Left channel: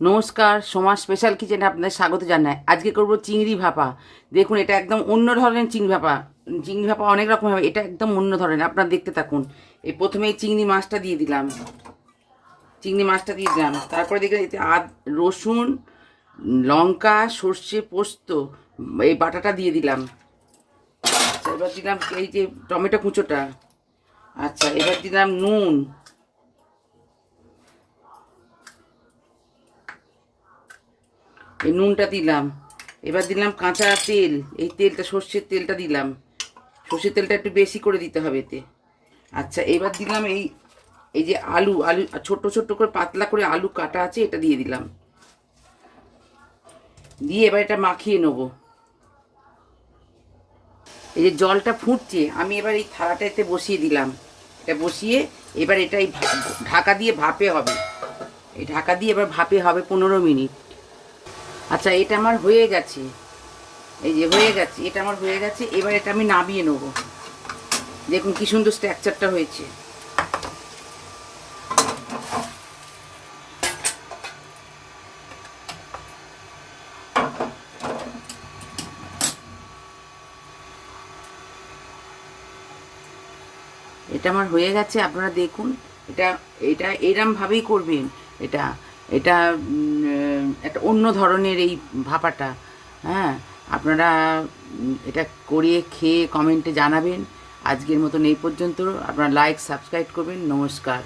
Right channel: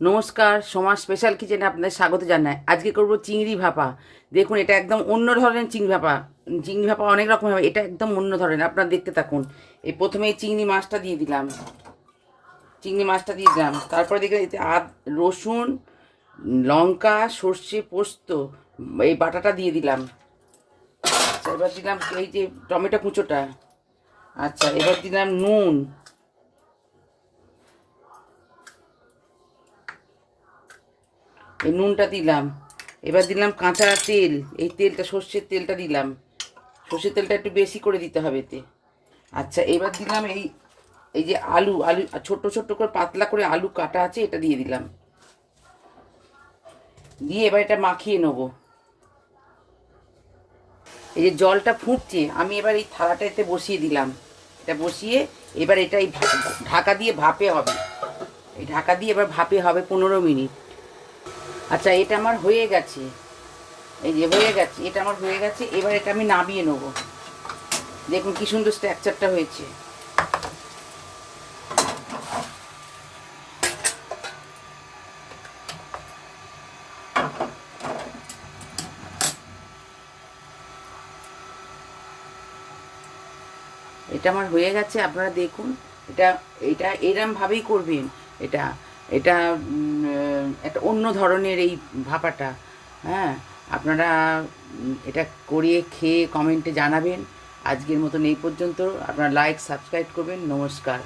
নমস্কার, সোমা স্পেশাল কিচেনে আপনাদের স্বাগত জানাই। আজকে করব চিংড়ি ভাপা। দেখুন, এটা একদম অন্য ধরনের চিংড়ি ভাপা। চিংড়ি ভাপা অনেক রকম হবে, এটা একদম অন্য ধরনের। আপনারা দেখতে থাকুন। এই প্রথমে এই চিংড়ি মাছটা দিয়ে দিলাম, তারপরে দেখে এতে রসুন, লঙ্কা, সর্ষে, পোস্ত, এই বাটাটা দিয়ে দিলাম। আচ্ছা, এবার দিলাম এই যে টমেটো কুঁচোটা। আচ্ছা, এবার দিলাম নুন। এই নুনটা দিলাম। এবার দিলাম কাঁচা তেল, এই তেলটা সর্ষের তেলটা দিলাম। সর্ষের তেলটা একটু বেশি করে দিতে হবে এতে। আচ্ছা, এবার দিলাম এই এই যে আলু আলু ছোট্ট ছোট্ট করে পাতলা করে আলু কাটা আছে, এটা দিয়ে দিলাম। দিয়ে এবার এটা মাখিয়ে নেব। এই যে জলটা ফুটছে, আমি এবার এই থালাটা এতে বসিয়ে দিলাম। এটা বসিয়ে এবার এটা এই ঢাকা দিয়ে ভাপে হবে। এই ঢাকা দিয়ে এবার ভাপে হবে 15 মিনিট। আচ্ছা, এটা আমার হয়ে গেছে। এই যে হয়ে গেছে, এটা আমার হয়ে গেছে। এবার এটা আমি নামিয়ে নেব। দেখুন কি সুন্দর স্ট্রাকচারটা হয়েছে। এটা আমার হয়ে গেছে, আপনারা দেখুন। এটা এটা এরমভাবেই করবেন। এটা এটা একটা অন্য ধরনের এই ভাপাটা। হ্যাঁ, আপনারা এটা করিয়ে খেয়ে কমেন্টে জানাবেন। আজকের মতন এই পর্যন্ত। আপনারা লাইক সাবস্ক্রাইব করবেন। নমস্কার।